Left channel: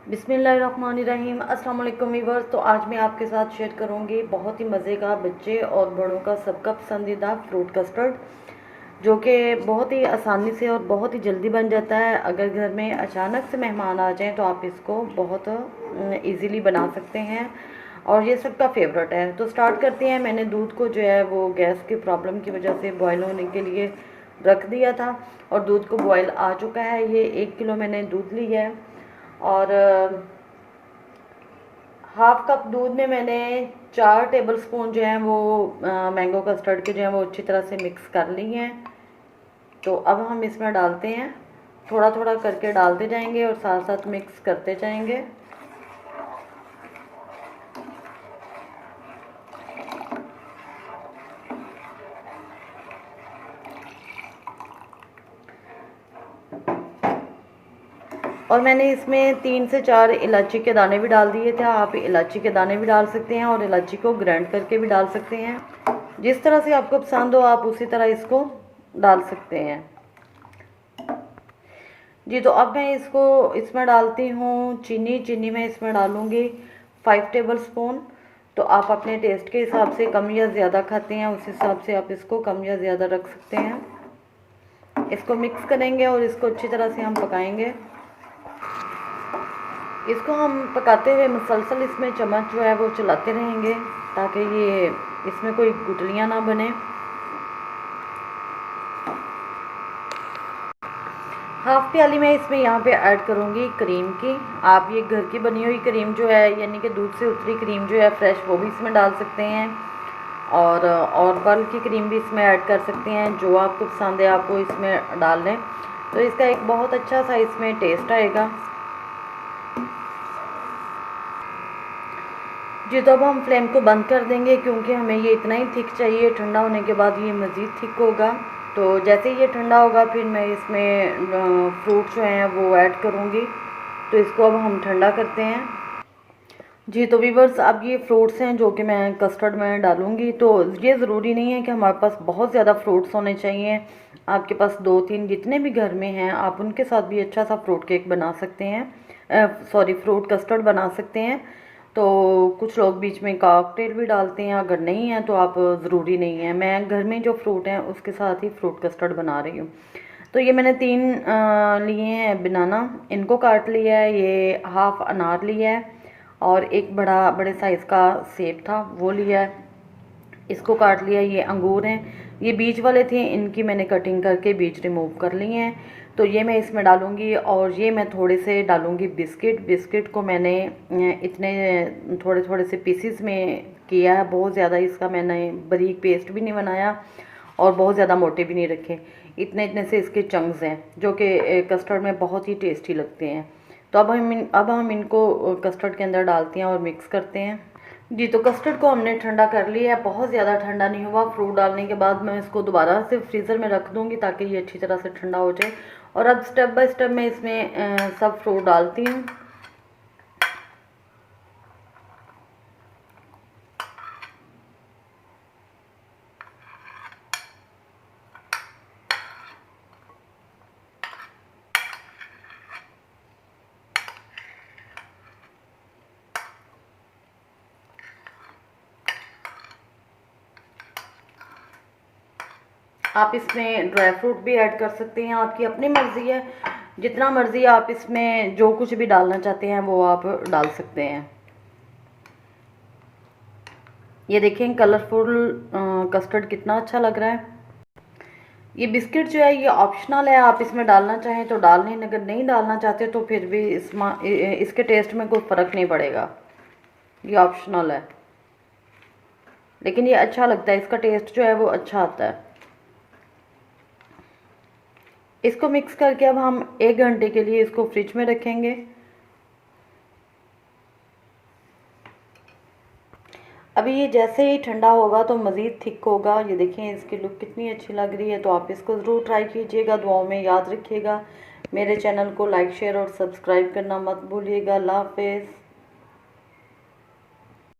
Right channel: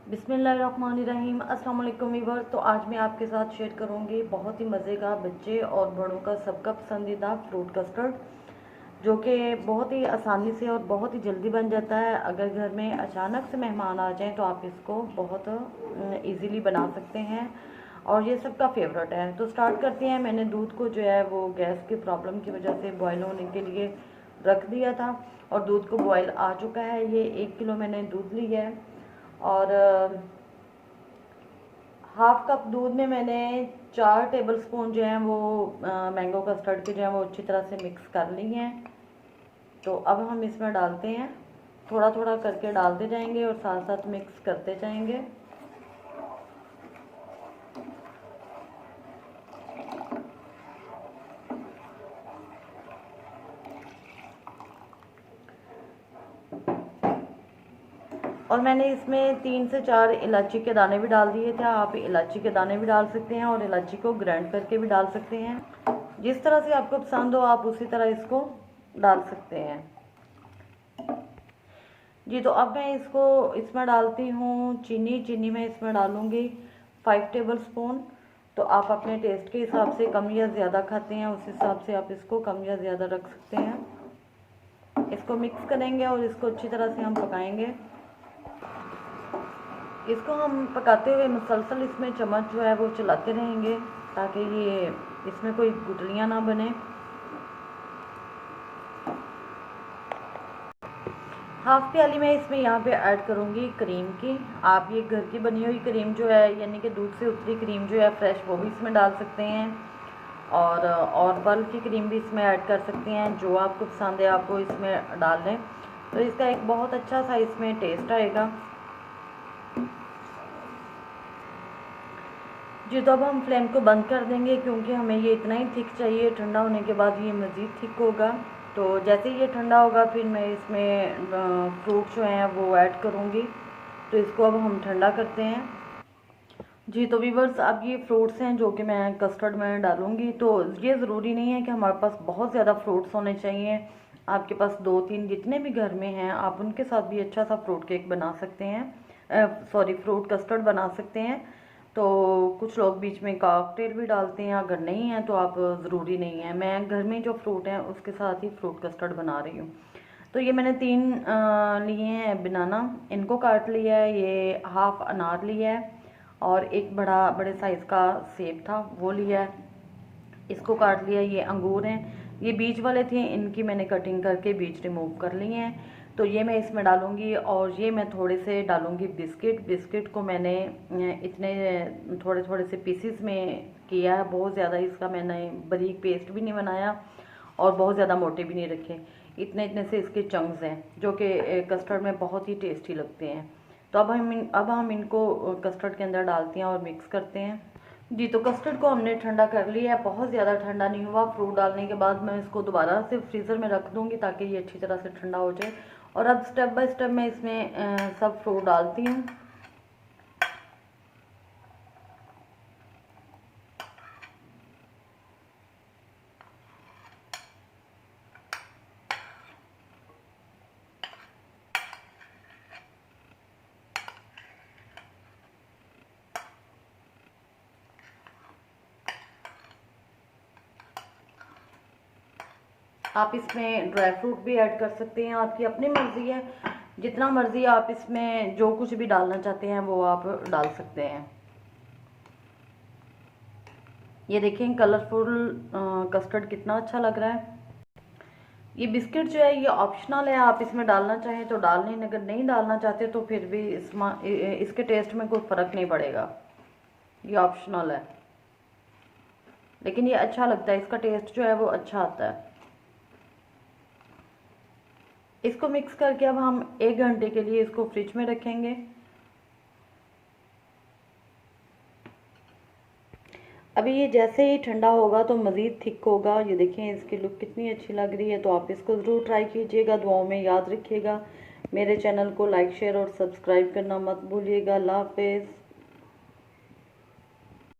बिस्मिल्लाहिर्रहमानिर्रहीम। अस्सलाम वालेकुम व्यूअर्स। तो आज मैं आपके साथ शेयर करूंगी बहुत ही मज़े का, बच्चे और बड़ों का सबका पसंदीदा फ्रूट कस्टर्ड, जो कि बहुत ही आसानी से और बहुत ही जल्दी बन जाता है। अगर घर में अचानक से मेहमान आ जाएं तो आप इसको बहुत इजीली बना सकते हैं और ये सबका फेवरेट है। तो स्टार्ट करते हैं। मैंने दूध को जो है वो गैस की प्रॉब्लम की वजह से बॉयल होने के लिए रख दिया था और दूध को बॉयल आ चुका है। ये 1 किलो मैंने दूध लिया है और हाफ कप दूध में मैंने 4 टेबलस्पून जो है वो मैंगो कस्टर्ड के जो है वो अच्छी तरह से मिक्स कर ली हैं। तो अब हम इसमें डालते हैं, थोड़ा थोड़ा करके डालते जाएंगे और साथ साथ मिक्स करते जाएंगे। और मैंने इसमें 3 से 4 इलायची के दाने भी डाल दिए थे। आप इलायची के दाने भी डाल सकते हैं और इलायची को ग्राइंड करके भी डाल सकते हैं। जिस तरह से आपको पसंद हो आप उसी तरह इसको डाल सकते हैं जी। तो अब मैं इसको इसमें डालती हूँ चीनी मैं इसमें डालूँगी 5 टेबलस्पून। तो आप अपने टेस्ट के हिसाब से कम या ज़्यादा खाते हैं उस हिसाब से आप इसको कम या ज़्यादा रख सकते हैं। इसको मिक्स करेंगे और इसको अच्छी तरह से हम पकाएंगे। इसको हम पकाते हुए मुसलसल इसमें चम्मच जो है वो चलाते रहेंगे ताकि ये इसमें कोई गुठलियाँ ना बने। हाफ प्याली मैं इसमें यहाँ पे ऐड करूँगी क्रीम की। आप ये घर की बनी हुई क्रीम जो है, यानी कि दूध से उतरी क्रीम जो है फ्रेश, वो भी इसमें डाल सकते हैं और बल्क की क्रीम भी इसमें ऐड कर सकते हैं। जो आपको पसंद है आप वो इसमें डाल लें, तो इसका एक बहुत अच्छा सा इसमें टेस्ट आएगा जी। तो अब हम फ्लेम को बंद कर देंगे क्योंकि हमें ये इतना ही थिक चाहिए। ठंडा होने के बाद ये मज़ीद थिक होगा। तो जैसे ही ये ठंडा होगा फिर मैं इसमें फ्रूट जो हैं वो ऐड करूँगी। तो इसको अब हम ठंडा करते हैं जी। तो वीवर्स, अब ये फ्रूट्स हैं जो कि मैं कस्टर्ड में डालूँगी। तो ये ज़रूरी नहीं है कि हमारे पास बहुत ज़्यादा फ्रूट्स होने चाहिए। आपके पास 2-3 जितने भी घर में हैं आप उनके साथ भी अच्छा सा फ्रूट केक बना सकते हैं, सॉरी फ्रूट कस्टर्ड बना सकते हैं। तो कुछ लोग बीच में कॉकटेल भी डालते हैं, अगर नहीं है तो आप ज़रूरी नहीं है। मैं घर में जो फ्रूट हैं उसके साथ ही फ्रूट कस्टर्ड बना रही हूँ। तो ये मैंने 3 लिए हैं बनाना, इनको काट लिया है। ये हाफ अनार लिया है और एक बड़े साइज़ का सेब था वो लिया है, इसको काट लिया। ये अंगूर हैं, ये बीज वाले थे, इनकी मैंने कटिंग करके बीज रिमूव कर लिए हैं। तो ये मैं इसमें डालूँगी और ये मैं थोड़े से डालूँगी बिस्किट को मैंने इतने थोड़े थोड़े से पीसीस में किया है। बहुत ज़्यादा इसका मैंने बारीक पेस्ट भी नहीं बनाया और बहुत ज़्यादा मोटे भी नहीं रखे। इतने इतने से इसके चंक्स हैं जो कि कस्टर्ड में बहुत ही टेस्टी लगते हैं। तो अब हम इनको कस्टर्ड के अंदर डालते हैं और मिक्स करते हैं जी। तो कस्टर्ड को हमने ठंडा कर लिया है, बहुत ज़्यादा ठंडा नहीं हुआ। फ्रूट डालने के बाद मैं इसको दोबारा से फ्रीज़र में रख दूँगी ताकि ये अच्छी तरह से ठंडा हो जाए। और अब स्टेप बाय स्टेप मैं इसमें सब फ्रूट डालती हूँ। आप इसमें ड्राई फ्रूट भी ऐड कर सकते हैं, आपकी अपनी मर्ज़ी है। जितना मर्ज़ी आप इसमें जो कुछ भी डालना चाहते हैं वो आप डाल सकते हैं। ये देखें कलरफुल कस्टर्ड कितना अच्छा लग रहा है। ये बिस्किट जो है ये ऑप्शनल है, आप इसमें डालना चाहें तो डाल लें, अगर नहीं डालना चाहते तो फिर भी इसके टेस्ट में कोई फ़र्क नहीं पड़ेगा। ये ऑप्शनल है लेकिन ये अच्छा लगता है, इसका टेस्ट जो है वो अच्छा आता है। इसको मिक्स करके अब हम 1 घंटे के लिए इसको फ्रिज में रखेंगे। अभी ये जैसे ही ठंडा होगा तो मज़ीद थिक होगा। ये देखें इसकी लुक कितनी अच्छी लग रही है। तो आप इसको ज़रूर ट्राई कीजिएगा, दुआओं में याद रखिएगा। मेरे चैनल को लाइक शेयर और सब्सक्राइब करना मत भूलिएगा। अल्लाह हाफ़िज़।